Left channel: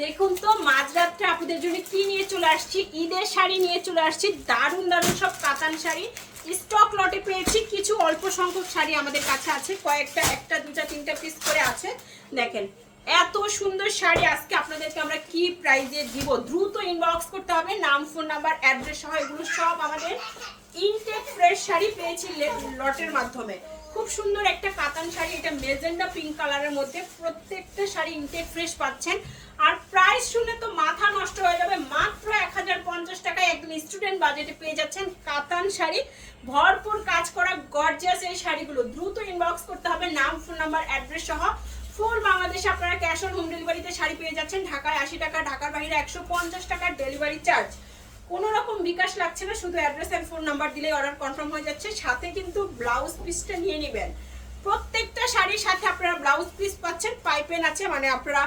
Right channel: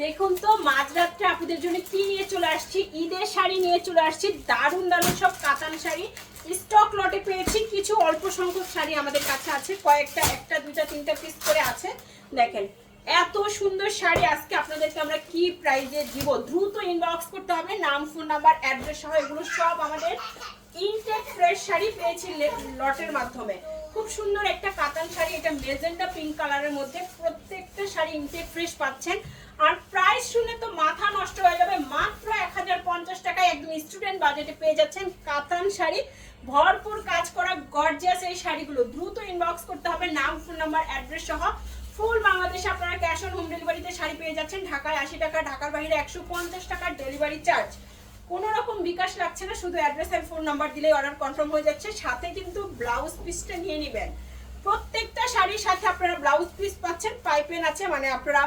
দেখুন তো মাঝরাত্রে আপনাদের জন্য কি নিয়ে চলে আসছি? ঈদের শাড়ি নিয়ে চলে আসছি। দারুণ দারুণ সব কাতান শাড়ি। স্টক লটে পেয়েছি, কিছু অল্প সংখ্যক শাড়ি আমাদের কাছে আছে। কয়েকটা, একটা দুটা তিনটা পিস করে আছে। দেখেন, এত সুন্দর শাড়ি আজকে আপনাদেরকে আমরা কি প্রাইজে দিব? দ্রুত ইনবক্স করতে হবে। নাম ফোন নাম্বার অ্যাড্রেস সহ এগুলো সব আমাদের ইনটেক ফ্রেশ শাড়ি পেয়েছি লটের মাধ্যমে। খুব সুন্দর একটা কাতান শাড়ি, এটা মেজেন্টা পিঙ্ক কালারের মধ্যে প্রত্যেকটা শাড়ি ইনটেক ফ্রেশ পাচ্ছেন। আর প্রাইস শুনে তো মাথা নষ্ট হয়ে যাবে, মাত্র এক হাজার পঞ্চাশ টাকায় একদম স্টুডেন্ট বাজেটে পেয়ে যাচ্ছেন কাতান শাড়ি। ভরপুর কাজ করা গর্জিয়াস এই শাড়িগুলো। দ্রুত ইনবক্স করতে হবে, নাম ফোন নাম্বার অ্যাড্রেস সহ। ফুল বাংলাদেশে আপনারা ক্যাশ অন হোম ডেলিভারিতে শাড়ি পেয়ে যাচ্ছেন। ঢাকায় আশি টাকা, ঢাকার বাইরে একশো পঞ্চাশ টাকার ডেলিভারি চার্জ কোনো রকম বিকাশ লাগছে না, শুধু অ্যাড্রেস আর ফোন নাম্বার দিলে অর্ডার কনফার্ম হয়ে যাচ্ছে। সাথে কিন্তু ব্লাউজ পিসটা নিয়ে নেবেন। প্রত্যেকটা শাড়ির সাথে আপনারা ব্লাউজ পিস পাচ্ছেন পাইপেন আছে মানে আপনারা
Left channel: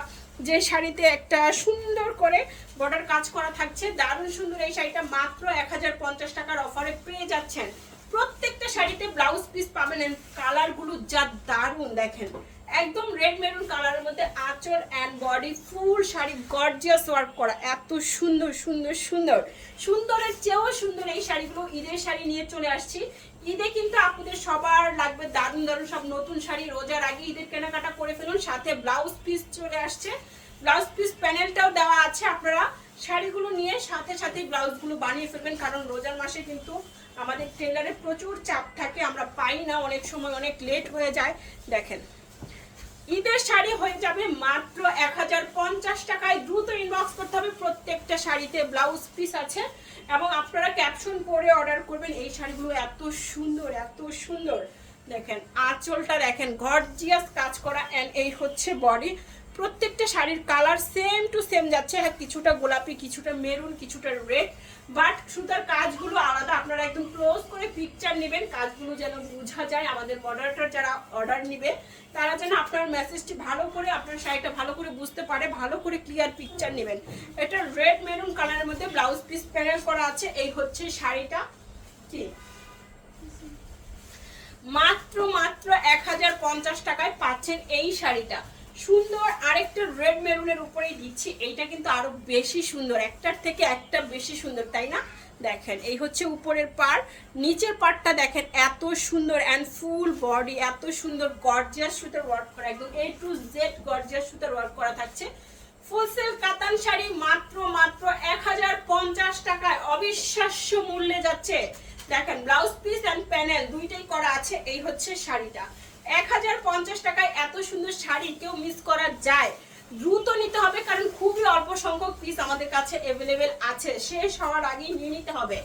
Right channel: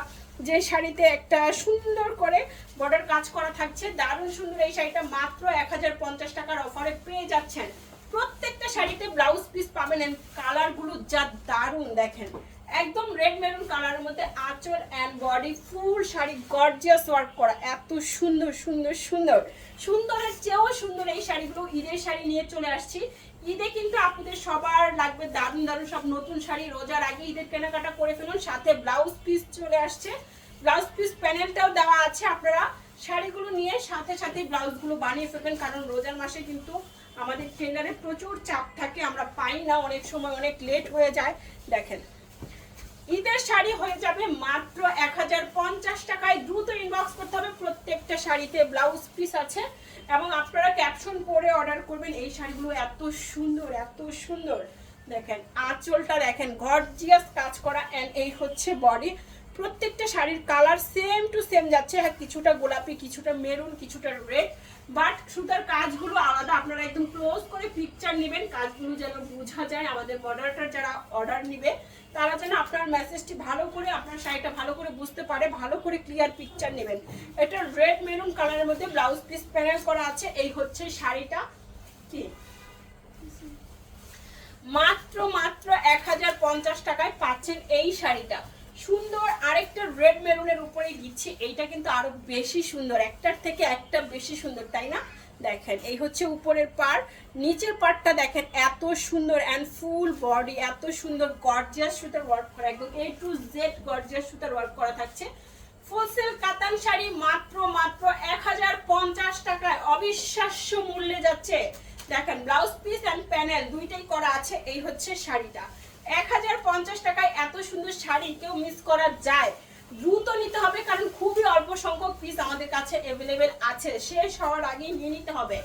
যে শাড়িতে একটা সুন্দর করে বর্ডার কাজ করা থাকছে, দারুণ সুন্দর এই শাড়িটা মাত্র এক হাজার পঞ্চাশ টাকার অফারে পেয়ে যাচ্ছেন। প্রত্যেকটা শাড়িতে ব্লাউজ পিস পাবেন কালারগুলো যা দারুণ, দেখেন। একদম রেড মেরুন কালারের মধ্যে আঁচল and body full sari gorgeous work করা। এত সুন্দর সুন্দর সুন্দর। সুন্দরের চেয়েও সুন্দর এই শাড়িগুলো ঈদের শাড়ি নিয়ে চলে আসছি। ঈদে কিন্তু আপনাদের সবার লাগবে দারুণ দারুণ সব নতুন শাড়ি। রোজার আগে ঈদের কেনাকাটা করে ফেলুন, সাথে ব্লাউজ পিস চলে আসছে। ব্লাউজ পিস প্যানেলটাও দেওয়া আছে আপনারা। শাড়িগুলো নিয়ে সাথে সাথে ব্লাউজগুলো বানিয়ে ফেলবেন, কারণ রোজার মাসে কিন্তু আমাদের টেলারে প্রচুর চাপ থাকে, আমরা পাই না, অনেক সময় অনেক লেট হয়ে যায়। দেখেন ঈদের শাড়ি হয়ে যাবে মাত্র এক হাজার পঞ্চাশ টাকায়। দ্রুত ইনবক্স করতে হবে। প্রত্যেকটা শাড়িতে ব্লাউজ পিস আছে। এবং আপনারা ক্যাপশন পরে অর্ডার করবেন। এই শাড়িগুলো এত সুন্দর এত সুন্দর। দেখেন, আঁচলটা দেখেন। গর্জিয়াস কাজ করা। অ্যান্ড এই হচ্ছে বডি প্রত্যেকটা শাড়ির কালার সেম টু সেম যাচ্ছে। হ্যাঁ কিছুটা গোলাপি, কিছুটা মেরুন কিছুটা রেড বাট সুতার কাজগুলো আলাদা। আপনারা একদম ক্লোজ করে পিকচার নেবেন, কাজগুলো যেন বোঝা যায়, আমাদের মডারেটার যারা অর্ডার নেবে, তারা যেন আপনার মেসেজটি ভালো করে, আপনার শাড়িটা ভালো করে বুঝতে পারে, ভালো করে ক্লিয়ার পিকচার নেবেন। এটা রেড মেরুন কালারের মধ্যে ব্লাউজ পিস প্যানেল করা আছে। এই হচ্ছে শাড়িটা। কি? মাত্র মাত্র এক হাজার পঞ্চাশ টাকায় পাচ্ছেন এই শাড়িটা। সুন্দর আরেকটা রেড মেরুনের উপরেই দিচ্ছি। এইটা কিন্তু আরও বেশি সুন্দর। একটার থেকে একটা বেশি সুন্দর, তাই না? দেখেন, এই হচ্ছে উপরের পার নিচের পার্টটা দেখেন, এত সুন্দর অ্যান্ড ফুল বডি এত সুন্দর গর্জিয়াস সুতার ওয়ার্ক করা। একদম এ টু জেড গর্জিয়াস সুতার ওয়ার্ক করা থাকছে। ফুল সেল কাতান শাড়ি মাত্র মাত্র এক হাজার পঞ্চাশ টাকায় অবিশ্বাস্য মূল্যে যাচ্ছে। দেখেন ব্লাউজ পিস অ্যান্ড প্যানেল দুইটাই করা আছে। এই হচ্ছে শাড়িটা। এক হাজার পঞ্চাশ টাকায় এত সুন্দর শাড়ি কেউ মিস করা যায়। দ্রুত নিতে হবে, কারণ খুবই অল্প সংখ্যক পিস আমাদের কাছে অ্যাভেলেবেল আছে। শেষ হওয়ার আগেই নিয়ে নিতে হবে।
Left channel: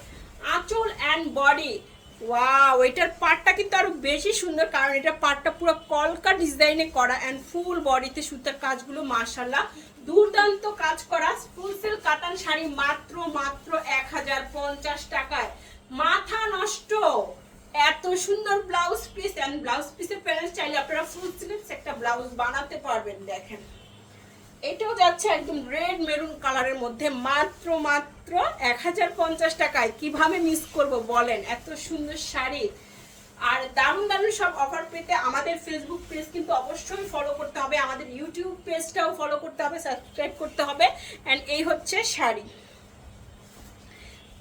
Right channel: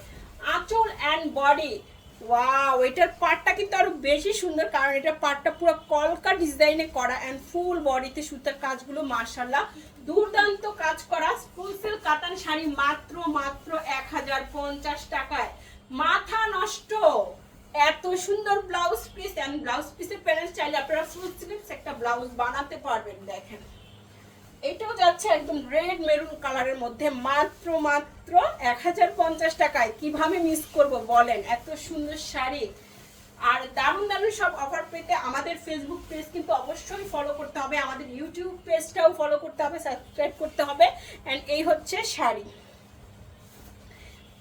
আঁচল অ্যান্ড বডি ওয়াও এটার পার্টটা কিন্তু আরও বেশি সুন্দর, কারণ এটা পার্টটা পুরো কলকা ডিজাইনে করা অ্যান্ড ফুল বডিতে সুতার কাজগুলো মার্শাল্লাহ দুর্দান্ত কাজ করা ফুল সিল কাতান শাড়ি মাত্র মাত্র এক হাজার পঞ্চাশ টাকায়। নষ্ট এত সুন্দর ব্লাউজ পিস এন্ড ব্লাউজ পিসের প্যানেল চাইলে আপনারা ফুল স্লিভস একটা ব্লাউজ বানাতে পারবেন, দেখেন। এটাও যাচ্ছে একদম রেড মেরুন কালারের মধ্যে, মাত্র মাত্র এক হাজার পঞ্চাশ টাকায়। কীভাবে মিস করব বলেন? এত সুন্দর শাড়ি। আর দারুণ দারুণ সব অফার পেতে আমাদের ফেসবুক পেজ কিন্তু অবশ্যই ফলো করতে হবে। আমাদের ইউটিউব পেজটাও ফলো করতে হবে সাবস্ক্রাইব করতে হবে। অ্যান্ড এই হচ্ছে শাড়ি।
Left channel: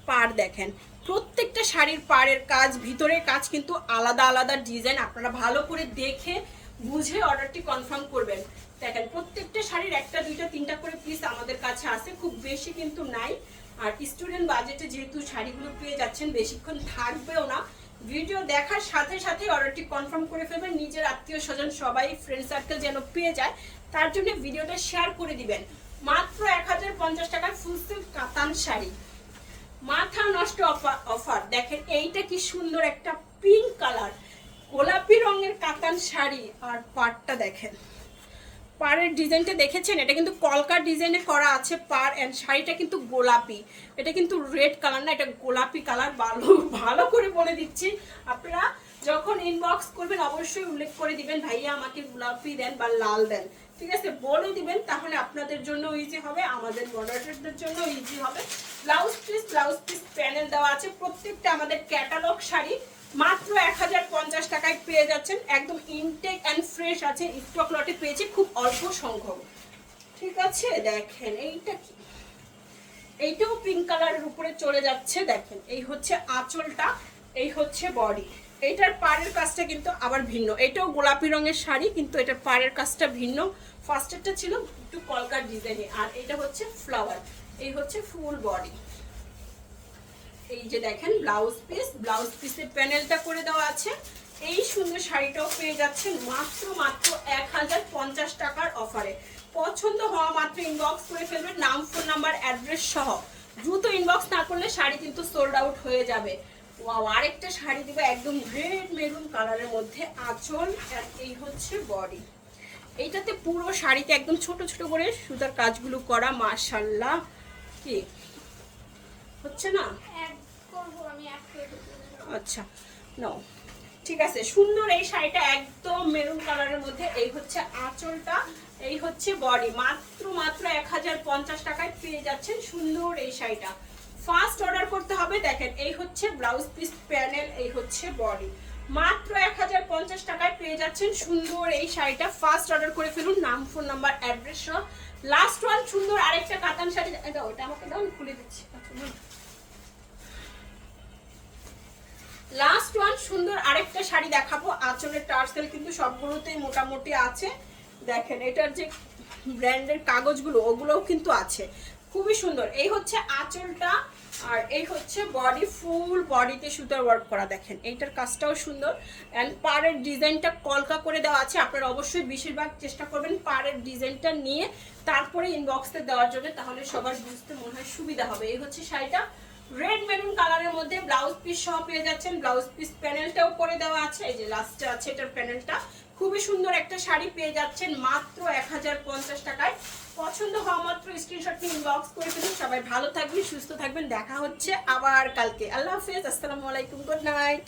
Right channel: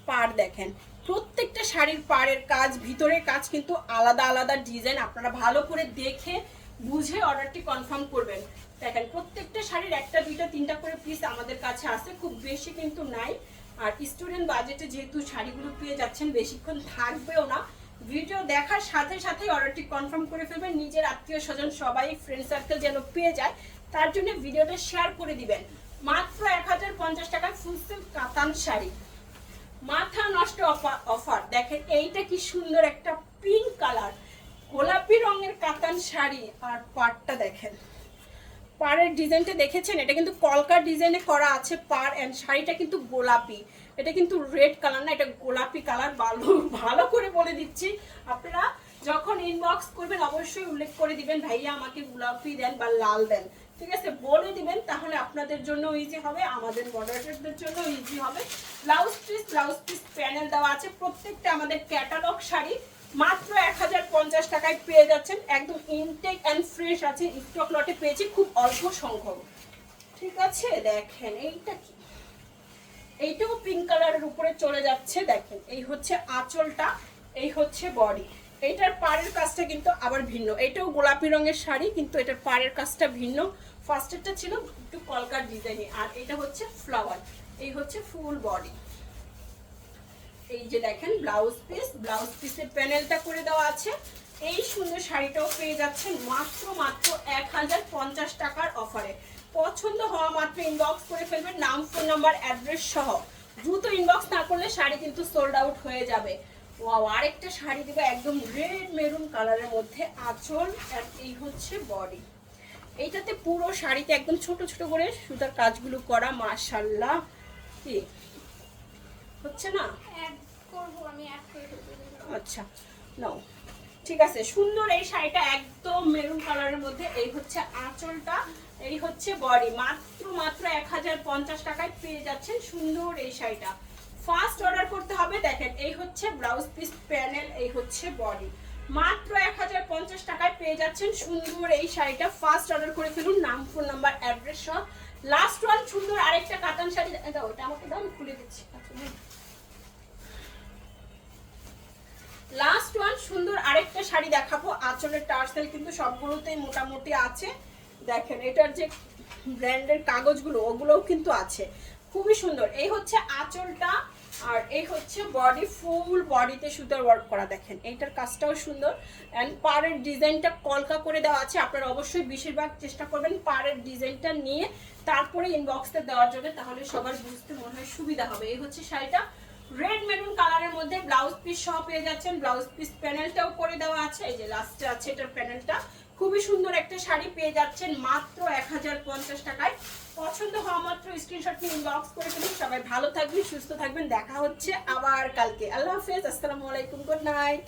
পার দেখেন। প্রত্যেকটা শাড়ির পাড়ের কাজ, ভিতরের কাজ কিন্তু আলাদা আলাদা ডিজাইন। আপনারা ভালো করে দেখে, বুঝে অর্ডারটি কনফার্ম করবেন। দেখেন, প্রত্যেকটা শাড়ির একটা, দুইটা, তিনটা করে পিস আমাদের কাছে আছে, খুব বেশি কিন্তু নাই। আর স্টুডেন্ট বাজেটে যেহেতু শাড়িগুলো পেয়ে যাচ্ছেন, বেশিক্ষণ থাকবেও না। ভিডিও দেখার সাথে সাথে অর্ডারটি কনফার্ম করে ফেলবেন। নিজের আত্মীয় স্বজন সবাই ফ্রেন্ড সার্কেল যেন পেয়ে যায়, তার জন্য ভিডিওটা শেয়ার করে দিবেন। মাত্র এক হাজার পঞ্চাশ টাকার ফুল সিল্ক কাতান শাড়ি। মাথা নষ্ট অফার। দেখেন, এইটা কি সুন্দর একটা পিঙ্ক কালার গোলাপি রঙের কাতান শাড়ি আর পাড়টা দেখেন। পাড়ের ডিজাইনটা দেখেছেন? এটা কিন্তু কলকার ডিজাইনে করা আছে পাড় অ্যান্ড শাড়িটা কিন্তু গোলাপি। এটা কিন্তু রেড কালার না, এটা গোলাপি কালার ভালো ভালো করে বলে দিচ্ছি। আপনারা যখন ইনবক্স করবেন, অবশ্যই উল্লেখ করে দিবেন, ভাইয়া, আমাকে গোলাপি দেন বা লাল দেন। ঠিক আছে, বলে দিবেন, তাহলে আপনাদের জন্য ইজি হবে, আমাদের মডারেটরদের জন্য ইজি হবে। Blouse piece blouse piece panel দেওয়া আছে, প্রত্যেকটা আমাদের ক্যাটালগ শাড়ি মাত্র এক হাজার পঞ্চাশ টাকায় পেয়ে যাচ্ছেন। একদম ইনটেক অ্যান্ড ফ্রেশ আছে স্টক লটে পেয়েছি, খুব অল্প সংখ্যক। ঠিক আছে, দেখেন, এইটা কি? এইটাও পিঙ্ক কালারের উপরে চলে যাচ্ছে, দেখেন, এই হচ্ছে আঁচলটা, এই হচ্ছে বডি এইটার পাড়ের কাজটা কিন্তু আবার ভিন্ন। এটাও গোলাপি রঙের শাড়ি, কিন্তু এটার পাড়ের কাজটা ভিন্ন। ফার্স্টেরটা ছিল একটু কলকার ডিজাইনে আর এটা হচ্ছে ফ্লাওয়ার এই হচ্ছে ফুল বডি এই যে দেখেন ব্লাউজ পিস ব্লাউজ পিসের প্যানেলটা করে দেওয়া আছে। এই সুন্দর শাড়িটাও পেয়ে যাচ্ছেন মাত্র মাত্র এক হাজার পঞ্চাশ টাকার অফারে পছন্দ হওয়া মাত্র ইনবক্স করে ফেলবেন, নাম ফোন নাম্বার অ্যাড্রেস সহ। দ্রুত ইনবক্স না করলে শাড়ি কিন্তু সোল্ড আউট হয়ে যাবে। ওয়াও আরেকটা শাড়ি দেবো একদম রেড মেরুন কালারের মধ্যে। আঁচল আর এই হচ্ছে বডি এইটাতে পুরো শাড়িতে একদম ছোট ছোট করে সুতার কাজগুলো করা মাশাল্লাহ কি? হচ্ছে না? আচ্ছা নাও। ঠিক আছে সুন্দর এই শাড়িটা একদম মেরুন কালারের মধ্যে। এই হচ্ছে আঁচলটা এই হচ্ছে বডি মাত্র মাত্র এক হাজার পঞ্চাশ টাকায় পেয়ে যাচ্ছেন সুন্দর এই শাড়িটা। ফার্স্ট অর্ডার করতে হবে দেখেন এই হচ্ছে ব্লাউজ পিস প্যানেল এই হচ্ছে বডি। মাত্র এক হাজার পঞ্চাশ টাকায় পেয়ে যাচ্ছেন সুন্দর এই শাড়িটা। ফার্স্ট অর্ডার করে ফেলুন নাম ফোন নাম্বার অ্যাড্রেস সহ। লাস্ট ওয়ান সুন্দর আরেকটা কাতান শাড়ি। এটা ওটা আমাকে দাও আমি খুলে দিচ্ছি। আচ্ছা, লাস্ট ওয়ান সুন্দর আরেকটা শাড়ি দেখাবো। আঁচলের টার্সেল কিন্তু সবগুলোতেই মোটামুটি আছে। দেখেন এটার যে ব্র্যান্ডের কাগজগুলো ওগুলোও কিন্তু আছে। খুবই সুন্দর। এই হচ্ছে আঁচলটা আর এই হচ্ছে বডি ফুল বডিতে সুতার ওয়ার্ক করা দেখেন। এইটার কাজটাও সুন্দর। অ্যান্ড পাড়ের ডিজাইনটা কলকা করে দেওয়া আছে। আপনারা অবশ্যই বেশিরভাগ চেষ্টা করবেন পাড়ের ডিজাইনটা নিয়ে তারপরে ইনবক্সে দেওয়ার জন্য, তাহলে সবার বুঝতে মনে হয় সুবিধা হবে। এই হচ্ছে শাড়িটা। রেড মেরুন কালারের মধ্যে ব্লাউজ পিস সহ পেয়ে যাচ্ছেন। ব্লাউজ পিস প্যানেলটাও করে দেওয়া আছে। এই যে লাস্টে আছে এটার প্যানেলটা খুবই সুন্দর একটা শাড়ি পেয়ে যাচ্ছেন মাত্র এক হাজার পঞ্চাশ টাকায়। পছন্দ হওয়া মাত্র স্ক্রিনশট ইনবক্স করে দিন সবাই ভালো থাকবেন, সুস্থ থাকবেন। দেখা হচ্ছে আবার কালকে। আল্লাহ হাফেজ। আসসালামু আলাইকুম। Good night